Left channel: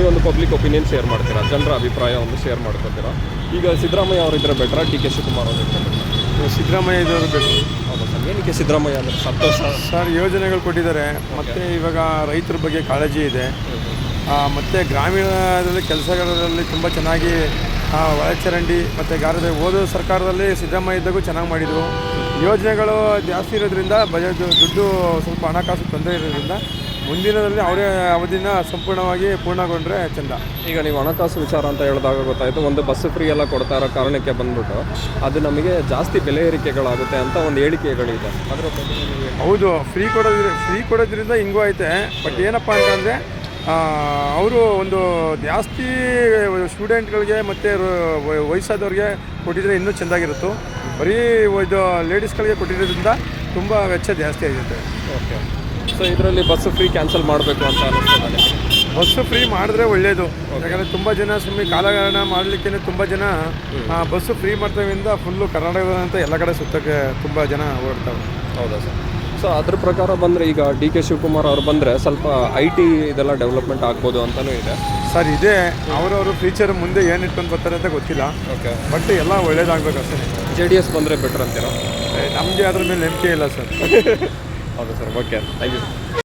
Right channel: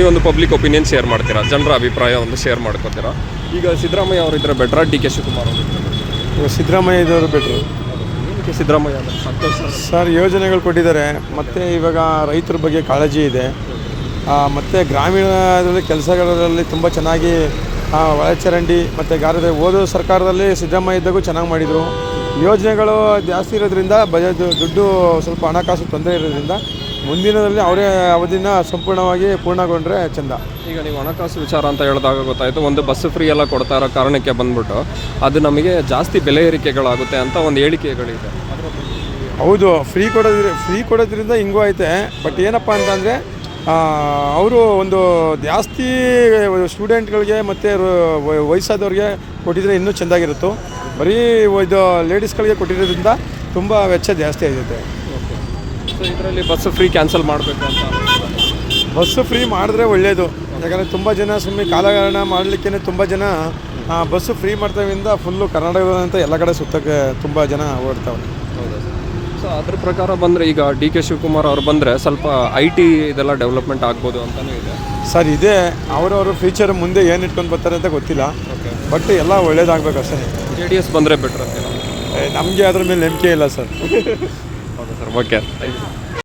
ನೀವೊಂದು public opinion share ಮಾಡ್ತೀರಾ, ಜನರ ಅಭಿಪ್ರಾಯ ಒಂದು ಶೇರ್ ಮಾಡ್ಕೊತೀರಾ. ಈಗ ಸಿದ್ದರಾಮಯ್ಯ ಅವರಿದ್ದರೆ ಬೆಟ್ರಾ, ಡಿ ಕೆ ಶಿವಕುಮಾರ್ ಅವರು? ಸಿದ್ದರಾಮಯ್ಯ ಇದ್ದವರು ಬೆಟ್ರು. ಏನಕ್ಕೆ ಸಿದ್ದರಾಮಯ್ಯ ಅಂದರೆ ಸಂತೋಷ ಸರ್, ಯೋಜನೆಗಳು ಕೊಟ್ಟಿದ್ದಾರೆ. ಮತ್ತು ಇವಾಗ ರೈತರ ಬಗ್ಗೆ ಕಾಳಜಿ ಇದೆ. ಮತ್ತು ಗ್ರಾಮೀಣದಲ್ಲಿ ಕೆಲಸಗಳಲ್ಲಿ ತುಂಬ ಚೆನ್ನಾಗಿ ಒಳಚರಂಡಿ ಮತ್ತು ಗಾರದ ಓದೋ ಸರ್ಕಾರದಲ್ಲಿ ಸಿದ್ದರಾಮಯ್ಯ ಇದ್ದಾಗೂ ಚೆನ್ನಾಗಿ ಮಾಡಿದರು. ಯೋಜನೆಗಳು ಜಾಸ್ತಿ ಇರೋದ್ರಿಂದ ದುಡ್ಡು ಸ್ವಲ್ಪ ಹಣಕಾಸು ತೊಂದರೆ ಇರೋದ್ರಿಂದ ಮುಂದಿನದಲ್ಲಿ ಅವರೇ ಅವಧಿನ ಸಂಪೂರ್ಣವಾಗಿ ಪೂರ್ಣಗೊಂಡ್ರೆ ಚೆಂದ. ಈಗ ನೀವು ಹಣಕಾಸು ವಿಚಾರ ಅಂತ ಹೇಳಿದಾಗ ಗೊತ್ತಾಯಿತು, ಒಂದು ಬಸ್ ಫ್ರೀ ಎಲ್ಲ ಕೊಡ್ತಾ ಇರೋ ಕಾರಣಕ್ಕೆ ಬಂದ್ಬಿಟ್ಟು ಅದು ನಮಗೆ ಜಾಸ್ತಿ ಬೆಲೆ ಏರಿಕೆಗಳಾಗುತ್ತೆ ಅಂತ ಒಂದು ಹೇಳಿಕೆಗಳಿದೆ. ಹೌದು, ಫ್ರೀ ಕೊಡೋದ್ರಿಂದ ಹಿಂಗೂ ಐತೆ. ಬಟ್ ಏನಪ್ಪ ಅಂತಂದರೆ ಅವರು ಒಂದು ಜಾಸ್ತಿ ಸ್ಟೂಡೆಂಟ್ಗಳಿಗೆ ಮತ್ತು ವಯಸ್ಸಾದವ್ರಿಗೆ ಕೊಟ್ಟಿದ್ರೆ ಇನ್ನೂ ಚೆಂದಾಗಿರುತ್ತೋ. ಬರೀ ಇದು ಲೇಡೀಸ್ಗಳಿಗೆ ಕೊಟ್ಟಿರೋದ್ರಿಂದ ತುಂಬ ವೆಚ್ಚ ಜಾಸ್ತಿ ಆಗುತ್ತೆ. ಸೊ ಇದರಲ್ಲಿ ಬಸ್ ಫ್ರೀ ಕ್ಯಾನ್ಸಲ್ ಮಾಡಬೇಕು ಅಂತ. ಬಸ್ಸು ಫ್ರೀ ಮಾಡಿದ್ರೆ ಒಳ್ಳೆಯದು. ಯಾಕಂದರೆ ತುಂಬ ಜನ ಸುಮ್ಮನೆ ಕಾಲಹರಣ ಮಾಡಲಿಕ್ಕೆ ತುಂಬ ಜನ ಬಸ್ಸು ಫ್ರೀ ಮಾಡ್ತಾವಿಂದ ಫುಲ್ಲು ಕರ್ನಾಟಕದಂತ ಎಲ್ಲ ಕಡೆ ಸುತ್ತಕ್ಕೆ ತುಂಬ ಜನ ಓಡ್ತಾವೆ. ಹೌದು ಸರ್. ಸೊ ಅದ್ರ ಪ್ರಕಾರ ಬಂದರೆ ಈಗ ಡಿ ಕೆ ಶಿವಕುಮಾರ್ ಅವರು ಬಂದರೆ ಸ್ವಲ್ಪ IT ಇದೆಲ್ಲ ಡೆವಲಪ್ಮೆಂಟ್ ಆಗ್ಬೋದು ಅಂತಲೂ ಇದೆ ಸರ್. ಇದೇ ಅವರವರು ಫ್ಯೂಚರ್ ಮುಂದೆ ಏನು ಇಟ್ಕೊಂಡು ಬರ್ತಾರೆ ಅಂತ ಗೊತ್ತಿಲ್ಲ. ಬಟ್ ಎಲ್ಲ ಒಳ್ಳೇದಾಗಬೇಕು ಅಷ್ಟೇ. JDS ಬಂದರೆ ಬೆಟ್ರ್ ಅಂತೀರಾ? ನಮಗೆ ಅದ್ರ ಮೇಲೆ ನಂಬಿಕೆ ಇಲ್ಲ ಸರ್. ಹೌದು ಸರ್. Okay, thank you.